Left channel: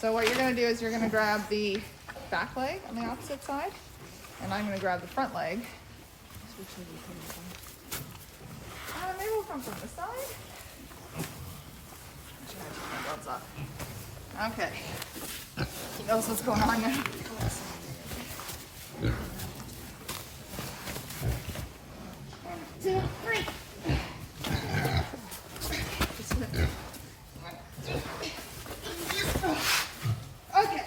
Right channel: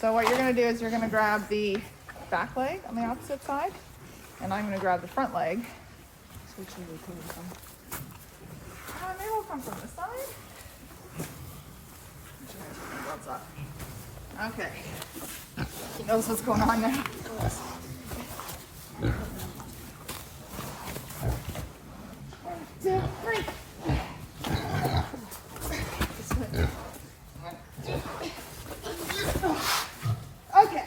So what you're going to do is you're going to grab the back leg on the opposite side, and I'm going to grab the front leg. Maybe we'll come from this side. Take my gloves off. Okay. He knows what's going on now. 1, 2, 3. Okay.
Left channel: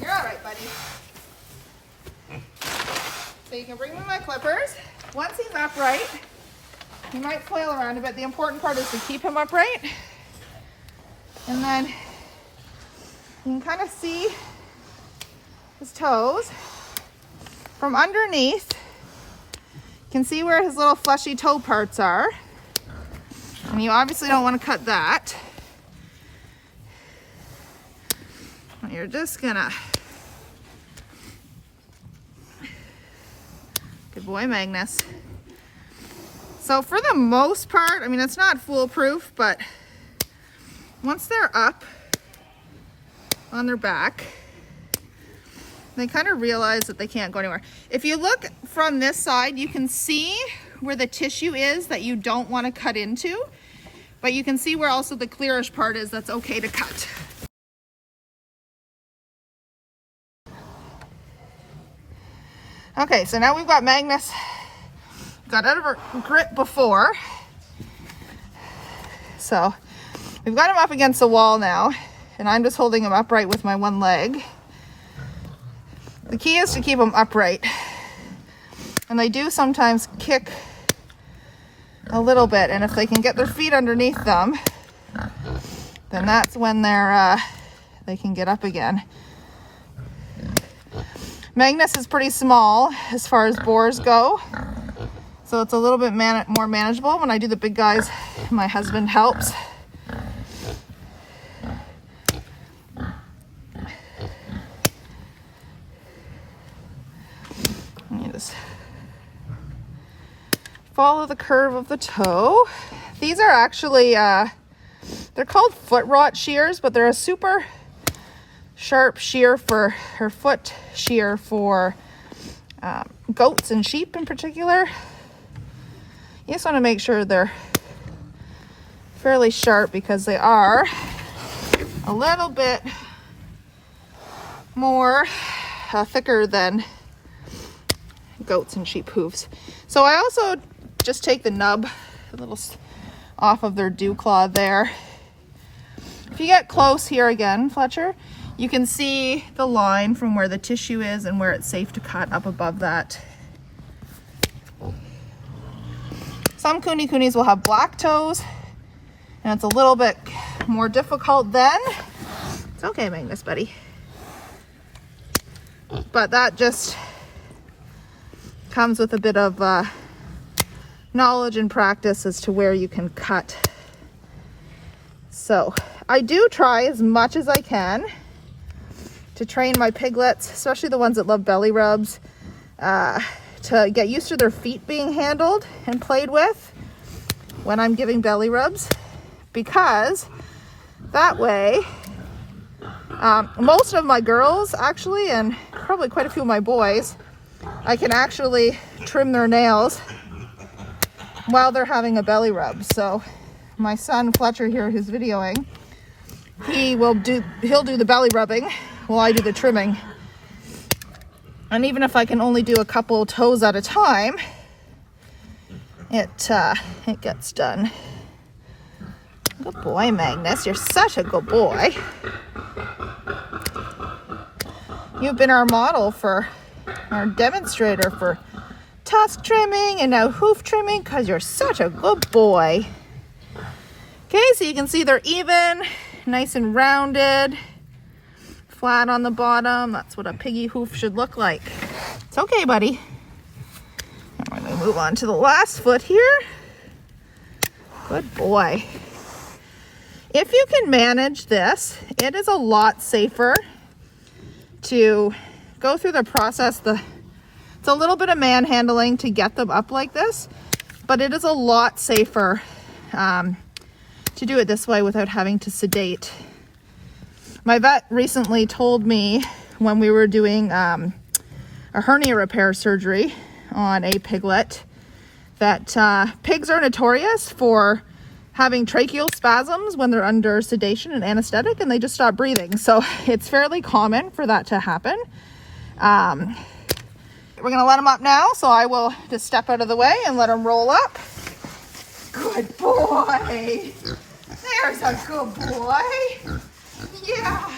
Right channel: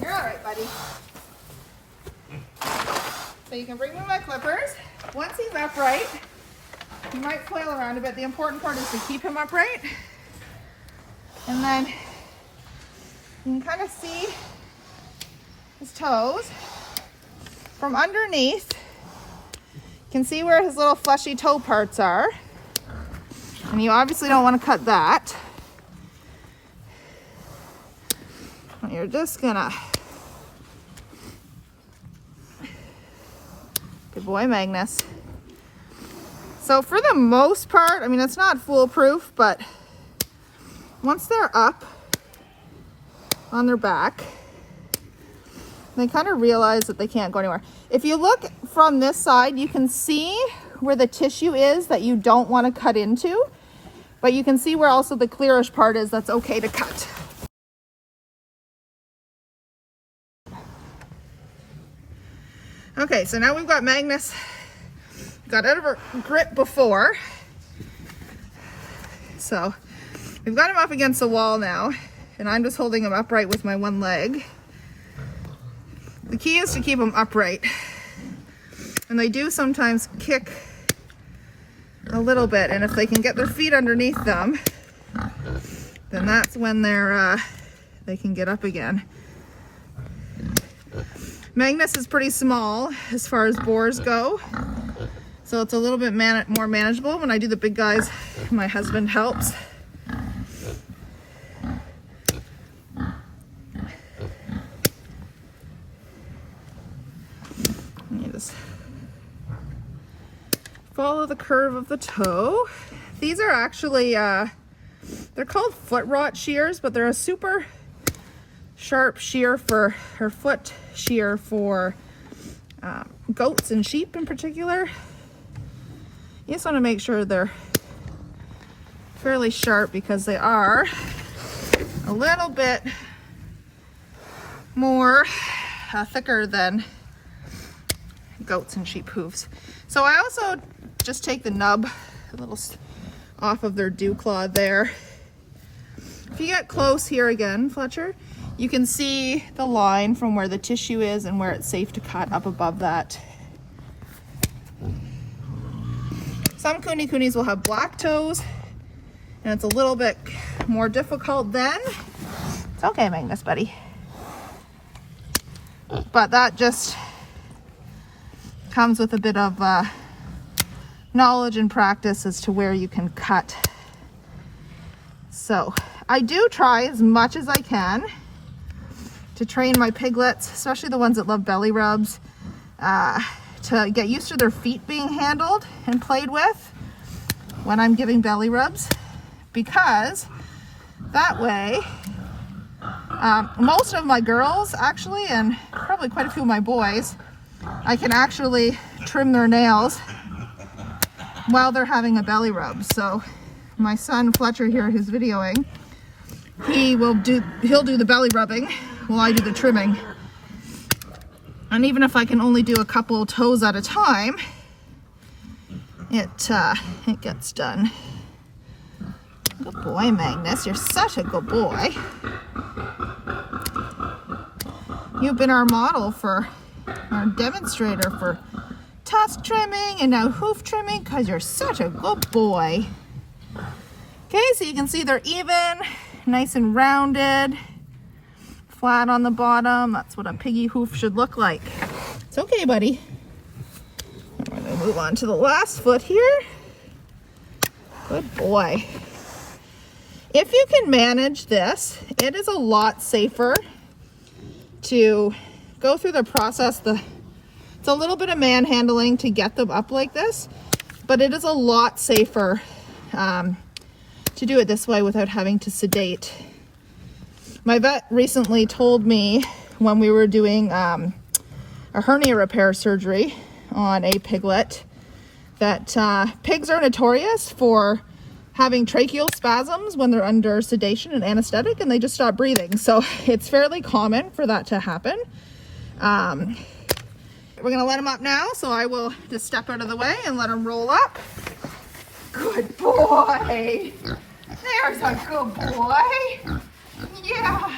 You're all right, buddy. So you can bring me my clippers. Once he's upright, he might flail around a bit. The important part is to keep him upright. And then you can kind of see his toes from underneath. You can see where his little fleshy toe parts are. And you obviously don't want to cut that. You're just gonna, good boy, Magnus. So for the most part, I mean, it's not foolproof, but once they're up on their back, they kind of realize that they can't go anywhere. If you look from this side, you can see where the tissue is that you don't want to cut into, but you can see where also the clearish part is that's okay to cut. Okay, so now we've got Magnus got out of her grip before. So we've got him up against the wall now, and I'm just holding him upright with my one leg. The key is to keep them upright. And they do sometimes kick a little bit, and if they can get their feet underneath them, then that's when they can get up again. Magnus is pretty small as far as boars go, so it's a little bit more manageable. When I do the big guys, my husband helps. You just follow the curve of the toe. These are actually, they're called foot rot shears, but they're a super sharp shear for, or foot shear for goats and sheep in particular. You just want to make sure they're fairly sharp because they are a little bit more thicker than goats and sheep hooves. So I also just take the nub a little off of their dew claw there. If you get close here again, Fletcher, you can see the line from where the tissue is and where it's safe to cut up above that. Some KuneKunes will have black toes, and it's a little bit more difficult then. It's okay, Magnus, buddy. But that just comes with a bit of knowledge and practice as to where you can cut. So I do try as much as I can to train my piglets, especially the ones that love belly rubs, to get used to their feet being handled and played with when I'm giving belly rubs, because that way, most of my girls actually, and probably quite a few of my boys, I can actually trim their nails while they're having a belly rub. So my son Fletcher here, who's videoing, he'll do the belly rubbing while I do the trimming. And even if I can only do a couple toes at a time, it gets done. Good boy, Magnus. You're such a good boy. You've been our model for our demonstrator for tusk trimming and now hoof trimming because you're such a good boy. Okay, so you can see they're even, nice and rounded, flat on the bottom. That's what a piggy hoof should look like. It's okay, buddy. I'm going to move on to the last foot here. Good boy. If you can manage this, it is a lot safer to go through the process. It's a little bit of manhandling to get them up like this, but it is a lot safer to do it this way without having to sedate My vet recently told me when we were doing a hernia repair surgery on a piglet that pigs are notorious for having tracheal spasms when they're under sedation and anesthetic, and they just stop breathing. So it's fairly common for that to happen. We're gonna let him up now, so I will just step out of the way and let him roll up. Good boy. There's a good boy. Yeah.